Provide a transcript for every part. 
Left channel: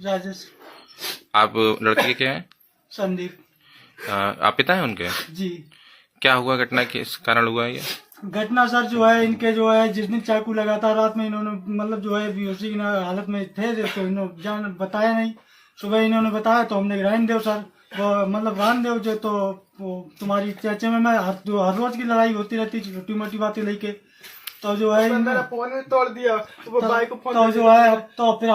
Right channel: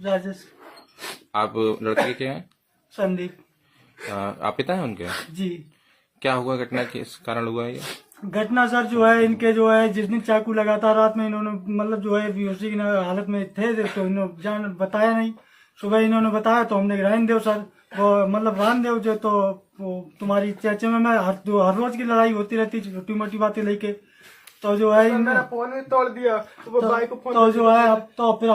राजेश। आप लड़के के क्या हैं? संदीप। आप पिता हैं उनके? जी। क्या हुआ, घटना किस कारण हुआ है ये? घटना सर जो है इनके जो है जिस दिन चाकू लगा था रात में इन्होंने मतलब जो है बेहोशी की हालत में थे तो इन्होंने जान बताया नहीं। सुबह इन्होंने बताया तो हमने रान देव सर वो मतलब रान देव जो तो वो तुम्हारी चर्चे में मैं हर रोज की लड़ाई होती रहती छोटी मोटी बातें लेके तो जो है फोन तोड़ दिया तो जो है अब तो फिर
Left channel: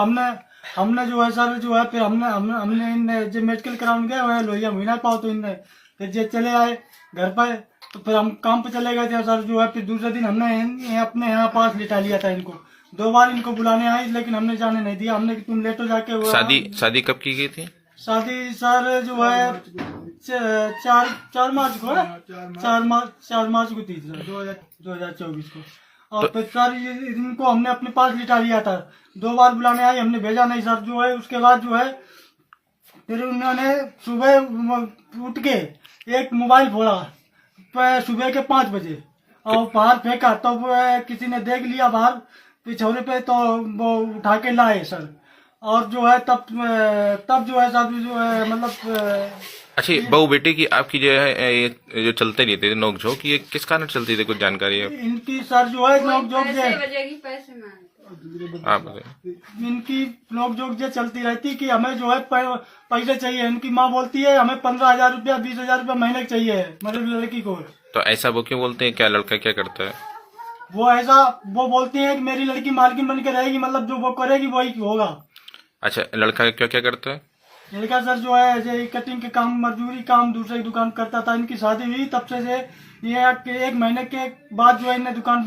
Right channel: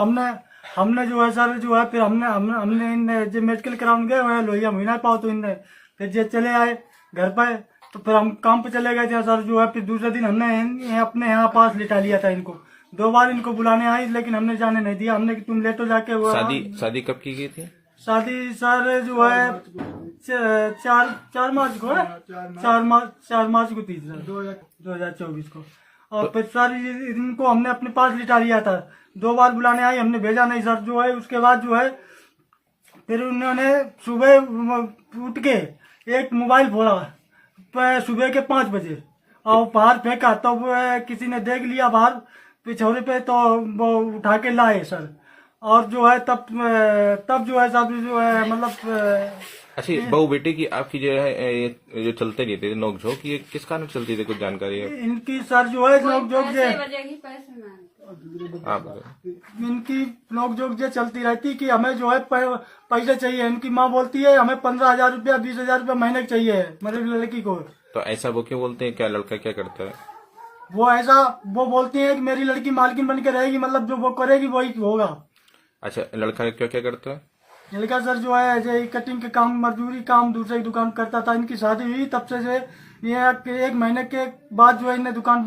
हमने जो है सर जो है फिर हमने इन जो मेडिकल कराउंड गए हुए लोहिया महीना पाओ तो इनने फिर जो चले आए घर पर तो फिर हम काम पे चले गए थे सर जो है फिर दूसरे दिन हमने अपने यहाँ पास लिटा लिया था इनको। 2 बार इनको बुलाने आए लेकिन हमने जाने नहीं दिया। हमने कि तुम लेटो जाके हुआ। शादी कब की गई थी? शादी सर जो है 4 मार्च को 4 मार्च को थी सर 2024 को। और फिर सर इनको हमने अपने पास लिटा लिया था। 2 बार बुलाने आए हमने भेजा नहीं सर जो है। उसके बाद जो है फिर उन्होंने सुबह उठ के एक मोबाइल फोड़ा सुबह के 5 बजे और बाहर फेंका तो किसी ने देख लिया बाहर पिछोरे पे तो वो उठा के लाए सर। और जो है तब जो है सब जो है मतलब अच्छा, बहू बेटे की आपकी जो है ये जो चलते रहते थे नोकझोंक, ये किस कारण चलती थी, कुछ जानकारी है? इनकी सर जो है नोकझोंक इनकी नोकझोंक जो चलती रहती कि हमें जो है पैसे चाहिए। इनकी माँ बोलती है हमें 15,000 रुपया 20,000 रुपया महीने का चाहिए मेरे लड़की को। तो ऐसा वो क्यों बोलते हैं? क्या लड़का क्या करता है? वो बोलती है कि मेरी लड़की मालकिन बन के रहेगी मतलब जो वो करेगी वही होगा। अच्छा, लड़का क्या क्या करता है? लड़का सर जो है जो कटिंग के काम मजदूरी काम दूसरे की दुकान करता था। इनकी शादी हुई तब से ये 1 महीने के बाद जो है इन्हें दुकान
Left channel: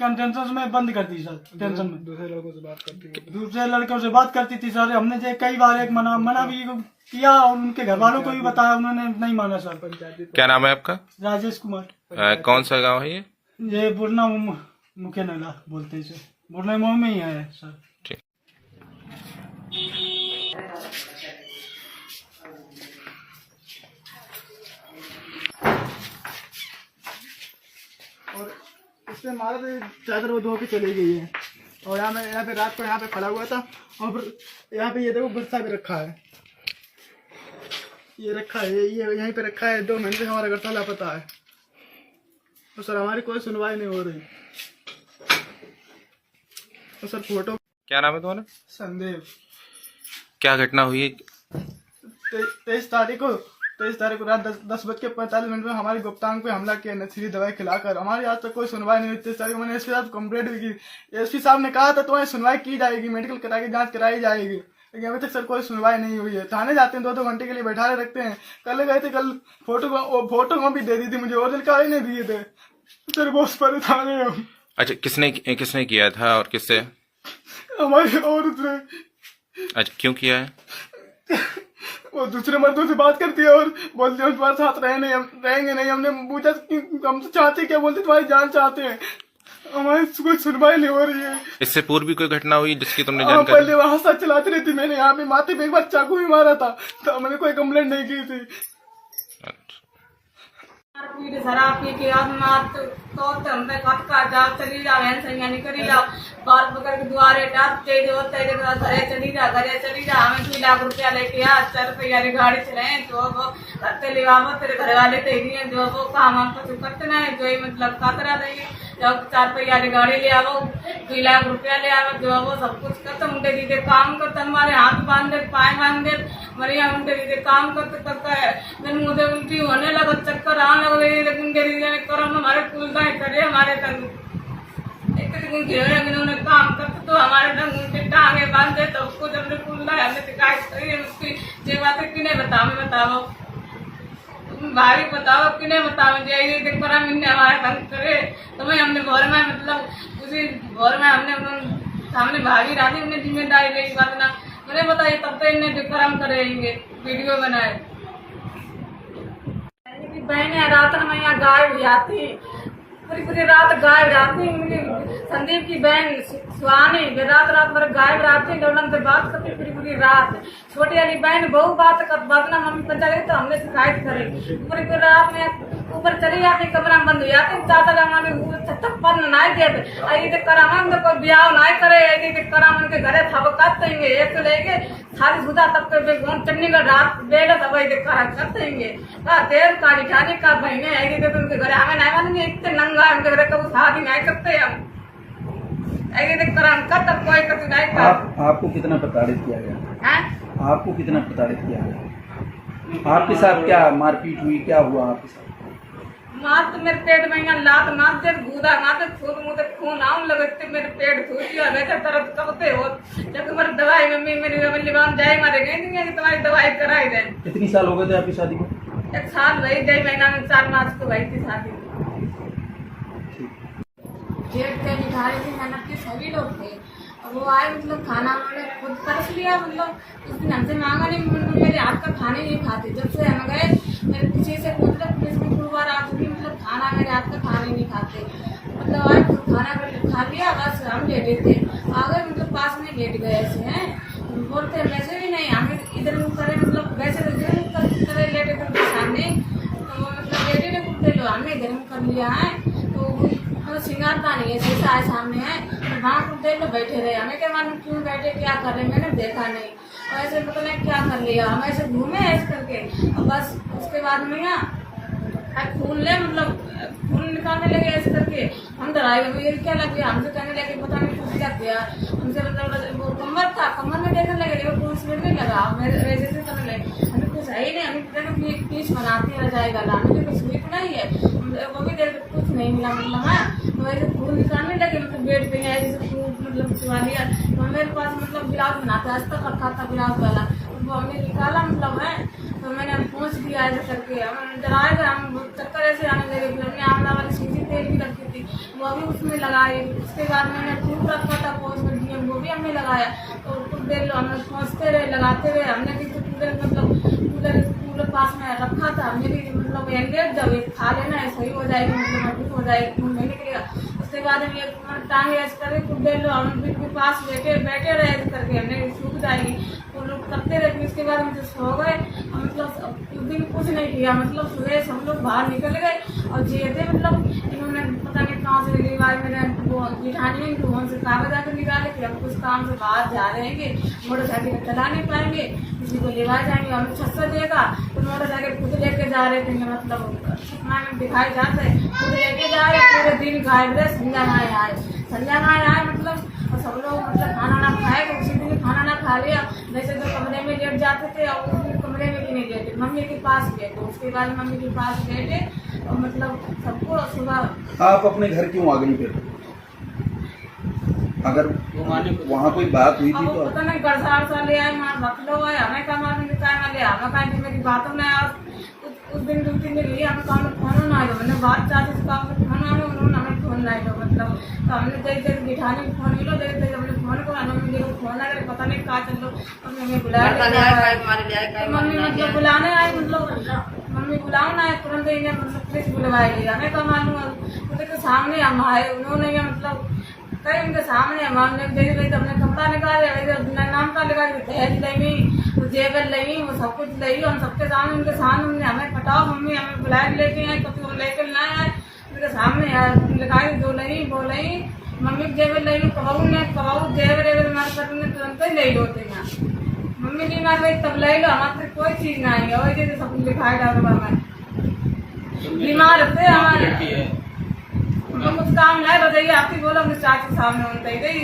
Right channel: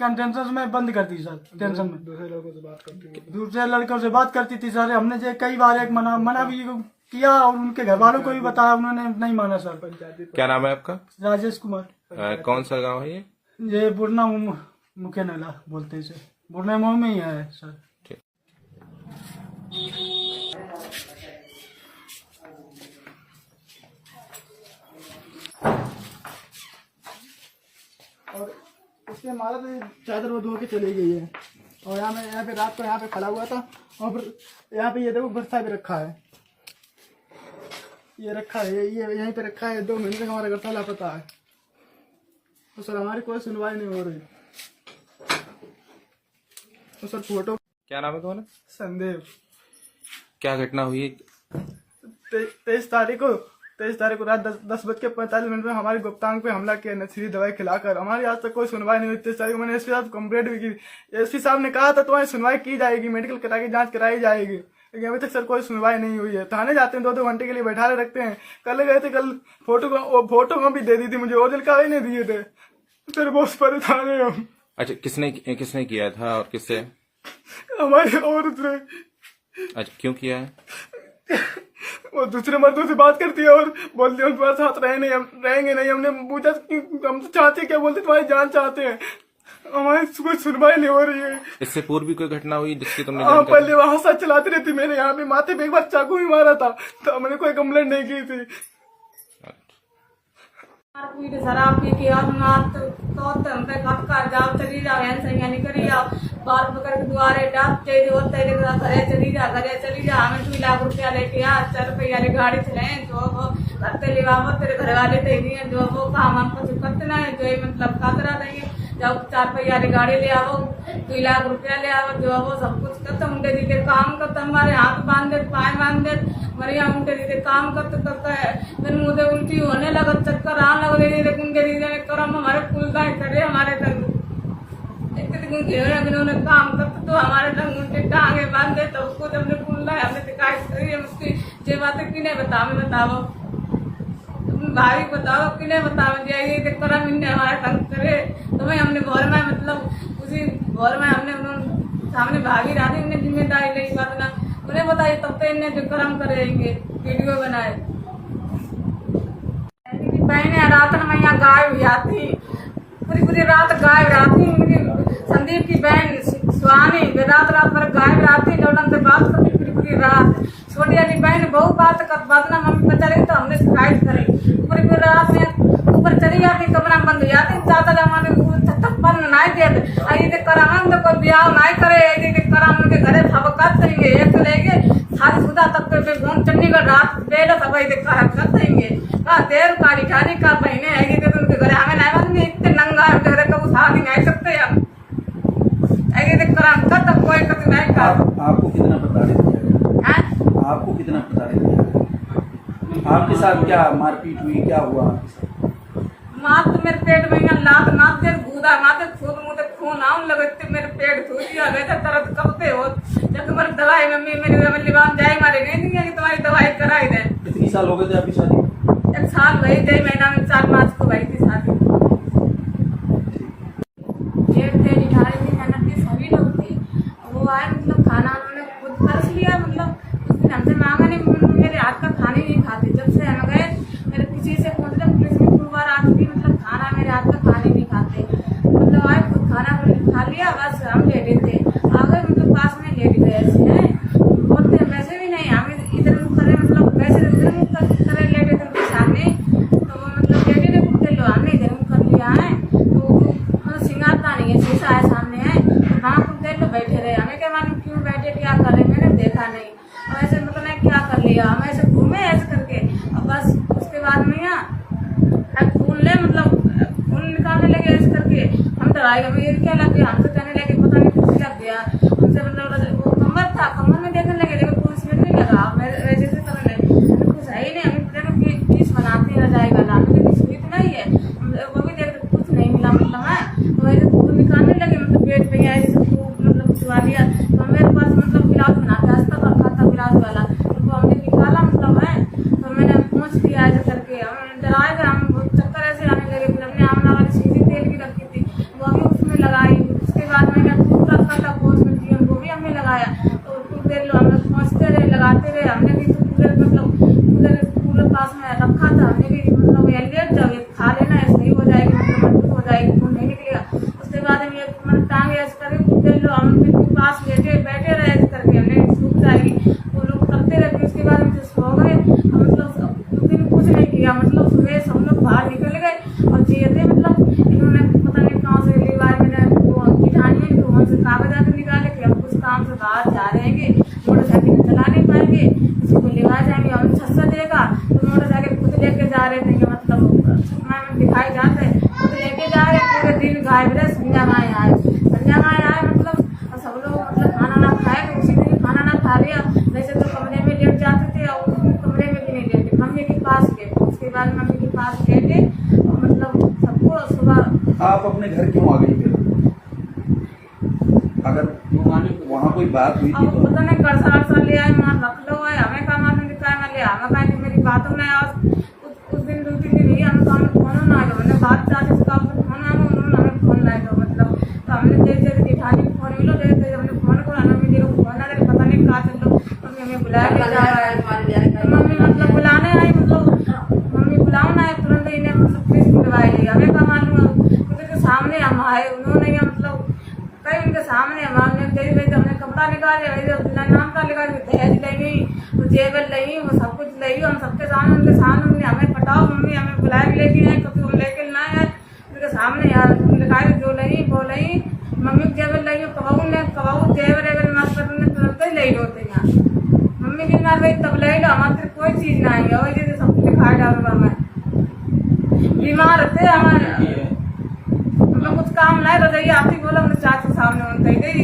टेंशन में बंद कर दी सर। टेंशन में दूसरे लड़कों से बात करती थी सर। हमने जो कई बार एक मना भी किया और उनके घर वालों को भी बताया उन्होंने नहीं माना सर। क्या नाम है आपका? राजेश कुमार। कौन सा गाँव है ये बुरना मुख्य नला बोलते हैं सर। बुरना में ही है सर। और इसमें हमारा तो चादर वो धो के चली गई है। और यहाँ पे रात को यहाँ पे खड़ा हुआ था और फिर यहाँ पे ये देखो बरसा भी रखा है। ये रखा है ये यहीं पे रखा है। 2 महीने से हमारा घर लापता है। तो सर हमारी कोई सुनवाई नहीं हो रही। तो सर फोटो। क्या नाम है तुम्हारा? संदेव। क्या घटना हुई? 23 तारीख को रात 10:45 में हमारे गुप्तांग पे हमला किया नशीली दवाई खिलाकर। हमारी आज तक कोई सुनवाई नहीं हुई। 23 तारीख को मैंने एसपी साहब कंप्लेंट भी की। एसपी साहब ने कहा था तुम्हारी सुनवाई की जाएगी, मेडिकल करा के जांच कराई जाएगी, लेकिन अभी तक सर कोई सुनवाई नहीं हुई है। थाने जाते हैं 2-2 घंटे के लिए बैठा रखते हैं। कल गए थे, कल फोटो भी दे दी थी मुझे, ओरिजिनल का ही नहीं दिए थे सर। बहुत परेशान है हम। अच्छा, किसने किया था और किससे? हमारे और दूसरे। अच्छा, क्यों किया है? वो दूसरे मर्दों से बात करती है और बोलती है तुम्हारे साथ रहेंगे नहीं। हमने पूछा कि हम तो चाहते क्या, बोलते तुम्हारी जान चाहते हैं। हमारी कोई सुनवाई नहीं हो रही है। इससे पूर्व भी कोई घटना हुई जिसकी तुमने जानकारी? पहले वहाँ साथ चलाती रहती। मैंने यहाँ पे माथे पे एक बार चाकू भी मारा था तो मैंने कोई कंप्लेंट नहीं की थी। शराब पी के हमने कब का जाओ चली जाओ सही निकली जाओ बाल पकड़ के दुआरे डांटते जो घरे चली जा हमें 2 लाख रुपया लेके आ 4 रुपया गाड़ी चलाए जो वो करते ले तेरे घर वाले थे जो वो काम हमको जो करते ना है जो मतलब कातरा देंगे जब 4 रुपया गाड़ी ले आओ 2 लाख रुपया ले आओ जो वो सब कुछ करते मुंडे दीदे काम करते हमारे हाथ बांध दे पाए बांध दे मरिया मुंडे दीदे काम करते है। फिर मुझे उल्टी होने लगा चक्कर आने लगा लेकिन दीदी करम हमारे खुलता है करे हमारे तक उन्होंने काम करते तो हमारे तक उल्टे टांगे बांधे तो उसको जब हमने खुलना है हमने शिकायत करी है उसकी ये बातें किन्हें बताओ भाई बताओ किन्हें बताओ यही करम इनने हमारे तंग करे तो मैं हमने घर में मतलब उसी घर में हमने सामने भागी राधी उन्हें जिम्मेदारी ले बात ना उन्हें बताइए तब तो इन्हें करम करेंगे वीडियो बनाए। बहने रात में यहाँ गायब हुई आती पूरी रात गायब रहती। संदीप की बहन सुहानी रात भर गायब रहती डोलन से बात करती पूरी रात। छोटी वाली बहन बहुत बात ना हम बचा रही तो हमने शिकायत करी पूरी रात में ऊपर चली जाती कमरा में बंद हो जाती चाचा जमाने थप्पड़ नहीं देते अरे करा कोई ब्याह नहीं करे करा उनके घरे थपका देंगे एक लेके शादी दूधा तक पे चंडीगढ़ रात बेला सब देखा है कर देंगे का देर का बिठारी का बहने आएगी तो उनके घर हमें नहीं मालूम इतने नंगा है उनके घर कब शादी नहीं सकते हम ऐसे देख कर हम खत्म कोई कुछ नहीं का आपको कितना प्रताड़ित किया गया? हैं आपको कितना प्रताड़ित किया गया? आपके साथ क्या मारपीट हुई, क्या हुआ आपके साथ? मार तो मेरे पेट में यहाँ लात मार दे गूदा मार दे खून मुँह खून आऊं लगते मेरे पेट धो दिया वैसे दर्द कबते हो जब मेरी दवाई मम्मी मेरी लिबान जाए मारे गई नहीं कि तुम्हारी दवाई कराई दे। कितनी साल हो गए थे आपकी शादी को? 1 साल रही 2 महीना में 4 मार्च को भाई थी शादी। जेठ थे बिठारी थी मेहनत के सभी लोग थे वो आए मतलब खाना मैंने खुद कर लिया मतलब उस दिन हमसे मांगा नहीं मेरे हाथ का खाने नहीं खाते जब से हम गए मेरे किसी से मतलब पुलिस में 2 बार आ चुकी मतलब खाना मेरे हाथ का खाने नहीं खाते मतलब आए खुद खाना खा लिया बस हम लेटे थे आगे मतलब पास में लेट गए ऐसे हैं बोलते वैसे भी नहीं हमें इधर मुँह करे मतलब वैसे उधर मुँह करे लेटे थे उनके सामने तो वो मतलब लेटे थे कुत्ते लो हमने इधर मुँह कर लिया है तो सिंगारता नहीं है शीशा है सामने है वहाँ कुत्ते लोग बैठे रहे हमें क्या मालूम क्यों बैठे क्या कर रहे मैंने देखा नहीं और ऐसे मतलब मैं क्या कर लिया हम ऐसे घूमे ऐसे करके और बस उसके बाद में खून ले मतलब खून निकालने लगे ऐसे करके हम डराए अभी ये क्या लगे हमसे कहने लगे पता नहीं कुछ लग गया हमसे मतलब वो कमर था कमर में देखने लगे लेकिन कुछ मिनट नहीं लगा वैसे से करने लगे कुछ है ही नहीं हमें देखो पीस बनाते रह जाएगा लाने में कुछ हुई नहीं है वो भी देख कुछ नहीं मिला मतलब है तो वैसे खून निकालने लगे मतलब पेट पे आए जैसे मतलब चुरा लिया तो मेरे पास मतलब ब्लाउज बनाता है तक रखा था ब्लाउज वाला तो हमने निकाला मतलब है तो मैंने पहुँच दिया ऐसे करके हम डराए थे हम चक्कर ऐसे आने लगे हमने आमला वाली सीधी तेल भी रखी थी वो हमें उसमें लगाई उसके बाद मैंने खूब रखा था पहुँच कर वो भी हमने लगाया तो कुछ देर लो हमने पहुँचते रहे लगाते रहे हमने भी कूलर मतलब कूलर पास में रखा था हमने भी मतलब लेट जाओ खा लेना है सही हो जाएगी मतलब हो जाएगी खून नहीं निकलेगा उसके बाद हम ये टांग ऐसे करके कुछ देर लो हम पास बैठे रहे ऐसे करके हमने सूख जाएगी वो लोग करते रहे उसके बाद हम सो गए हम मतलब उस दिन कुछ नहीं किया मतलब सुबह हम लोग बाहर निकल गए और जेते मतलब इन्होंने पता नहीं कहाँ से अगली बार मैंने वो बिठाने में वहाँ से कागज आकर निकाले कि हम कुछ काम से बाहर जा रहेंगे मोटरसाइकिल चला नहीं पाएंगे उसको लेवा जाएंगे हम छस्सा देगा तो मोटरसाइकिल खुद लेके जा रहे थे मतलब मैंने दिखाई जाते खुद लेके जा रहे पूरे दिन गायब रहे संध्या माए आए मतलब सब लोग मतलब खाना ना खाए तो उसी दिन खाना ना खा लिया वैसे तो कमरे में लेट जाते थे और उस दिन कमरे में भी नहीं लेटे मम्मी के पास गए तो उसके बाद मम्मी के पास गए और मतलब सबको सुबह आप अपने घर क्यों आ गई फिर? अगर वहाँ कोई बात हुई थी अब तो पता नहीं गड़सा ले आए मार रख लो है हमें का मार नहीं काय मैं ले हमें का मेरी बातों में उस दिन 2-3 दिन लिए हमें काम फोन ना आयो मैंने बात चाहते से काम फोन आनो उन्होंने हमें फोन ना आयो मतलब तो हमने जैसे बिठाने फोन मिलो जैसे हमने फोन को हमें मिले फोन लगे पता नहीं कहाँ चल लो मम्मी हमें बुलाया मम्मी मतलब बुलाने आई मतलब मम्मी बुलाओ ना तुरंत इन्हें मतलब पुलिस बुलवाएगी हमें का मालूम उनके सामने हम आए उन्होंने मतलब कई उनके सामने हमारे हमने कपड़ा निकाले नाम का लिखा दहेज लगी तो जेवर लगी वो सब कुछ लगी हम सबके सामने उनके सामने हमें पटाओ मम्मी हमें बुला के लेके आए कभी हम लेके ना आए उनके सामने यार लिखाई जो लगी वो लगी मम्मी जेवर लगी कबाऊ जेवर अगर मत करूँगे तुरंत ही ले होते यहाँ मम्मी की ना गई तब ले लो हमारे कोई चीज़ ना आई और जैसे सब लिखाई डालो मैं बीमार थे हमारे तो कुछ काम नहीं रजाइए आप ही बोला मुझे चाची सामने होता गई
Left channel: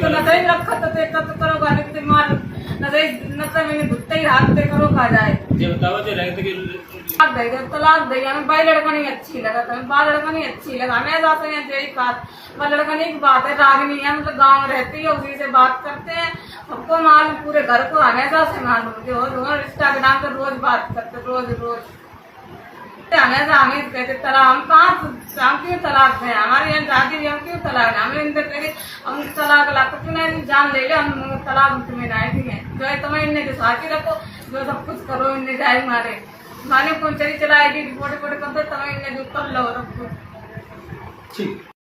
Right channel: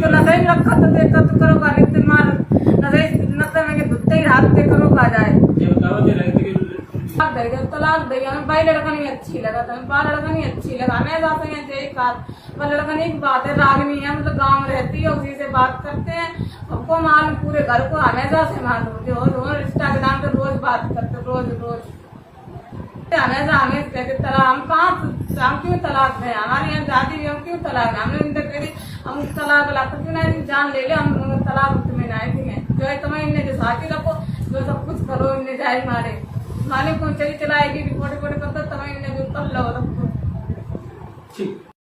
तो नजर रखा तो देखा तो करो का लिखते मार नजर मैंने धुते ही हाथ पे करो का जाए तलाक दे हमें भाई लड़का नहीं अच्छी लगा था बाल लड़का नहीं अच्छी लगा हमें जाते हैं यही बात पर लड़का नहीं बात है रागनी है मतलब गाँव में रहती है उसी से बात करते हैं सबको मालूम पूरे घर को हमेशा से मालूम जो रोज इंस्टाग्राम पर रोज बात करते रोज हमेशा हमें कहते तलाक हम कहाँ हम क्यों तलाक दें हमारे यहाँ जाती है हम क्यों तलाक दें हमने इनसे कहते हम तलाक ला क्यों नहीं जान ले लो हम तलाक तुम्हें नहीं देंगे जो है तुम्हें इन्हें जो साथी रखो जो सब कुछ करो इन्हें जाए मारे कौन चली चलाएगी रिपोर्ट करते तुम्हें इन्हें जो कर लो सब कुछ ठीक।